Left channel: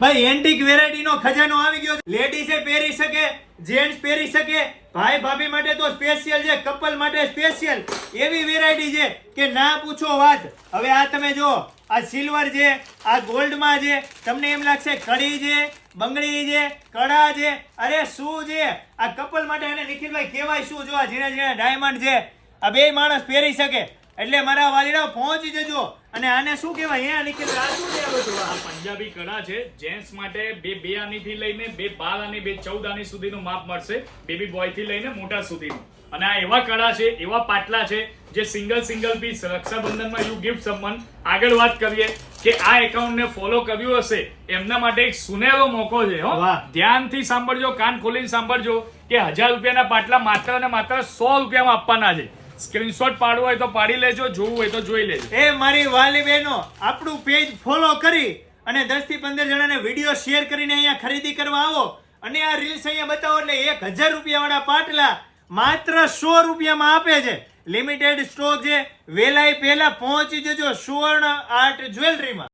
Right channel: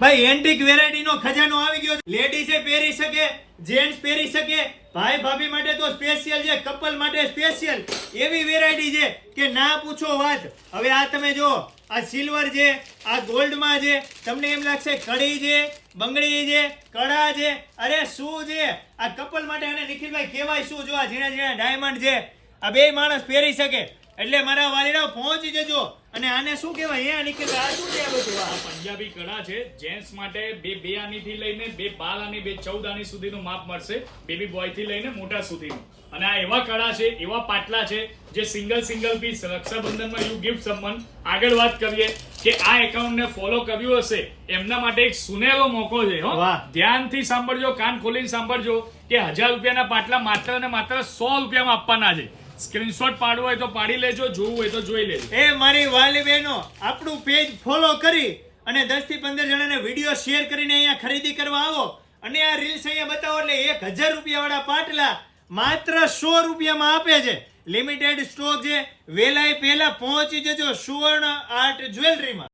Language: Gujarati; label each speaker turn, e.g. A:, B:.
A: ભાઈ એન્ટિક વેરાયટી નો ખજાનો આવી ગયો લેડીઝે પહેરી શકે જેન્ટ્સ પહેરી શકે. ભાઈ, ભાભી માટે તો સ્પેશિયલ છે કપલ માટે સ્પેશિયલ એવી વેરાયટી છે કે ના પૂછો વાત. હવે આ તમે જો આ સિલ્વર છે, આ ગોલ્ડમાં છે, તમને એમ લાગશે કડી છે, બંગડી છે કડા છે. અરે, શું છે? આ કપલ માટે અને નિખિલભાઈ કહેવાય શું? જો આ ઝીણા ઝીણા ડાયમંડ છે. આ બે માણસ પહેરી શકે. એટલે મારા વાલીડાઓ પહોંચી જજો. અને આને શું કહેવાય? હે નિખિલભાઈ આ શું છે આ બધું? આ?
B: પંજાબી કડા છે. જેન્ટ્સ માટે બે બે આની થી લઈને બે બાર આની બે ચૌદ આની સુધીનું માપ મળશે. બેબી બોયથી લઈને મોટા સુધીનું. અને આ એવા કડા છે એવા પાટલા છે જે સિંગલ સિંગલ પીસ રક્ષાબંધનમાં યુ ગિફ્ટ સંબંધ. આગળ વાત કરીએ કે આ એકાઉન્ટને ફોલો કર્યું હશે એમના માટે એક સુનેરો મોકો છે હો. ધ્યાનથી સાંભળજો કાન ખોલીને સાંભળજો કે હજાર રૂપિયાના પાટલા માત્ર અને માત્ર સો રૂપિયામાં આપવાના છે. સ્ક્રીનશોટ પાડવો હોય તો પાડી લેજો, જોવું હોય તો જોઈ લેજો.
A: એ મારી વાલી બહેનો, આપણું પેજ ફોલો કરી અને દસથી પંદર જણાને વીડિયો શેર કરીને અહીંયા ખરીદી કરવા આવો. અને આ રીલ્સ અહીંયા બતાવો એટલે એક હજાર રૂપિયાવાળા પાટલા માત્ર સો રૂપિયામાં આપે છે. લિમિટેડ સ્ટોક છે. વેલાય પહેલા પહોંચી જજો સુવર્ણ આર્ટ જ્વેલરીમાં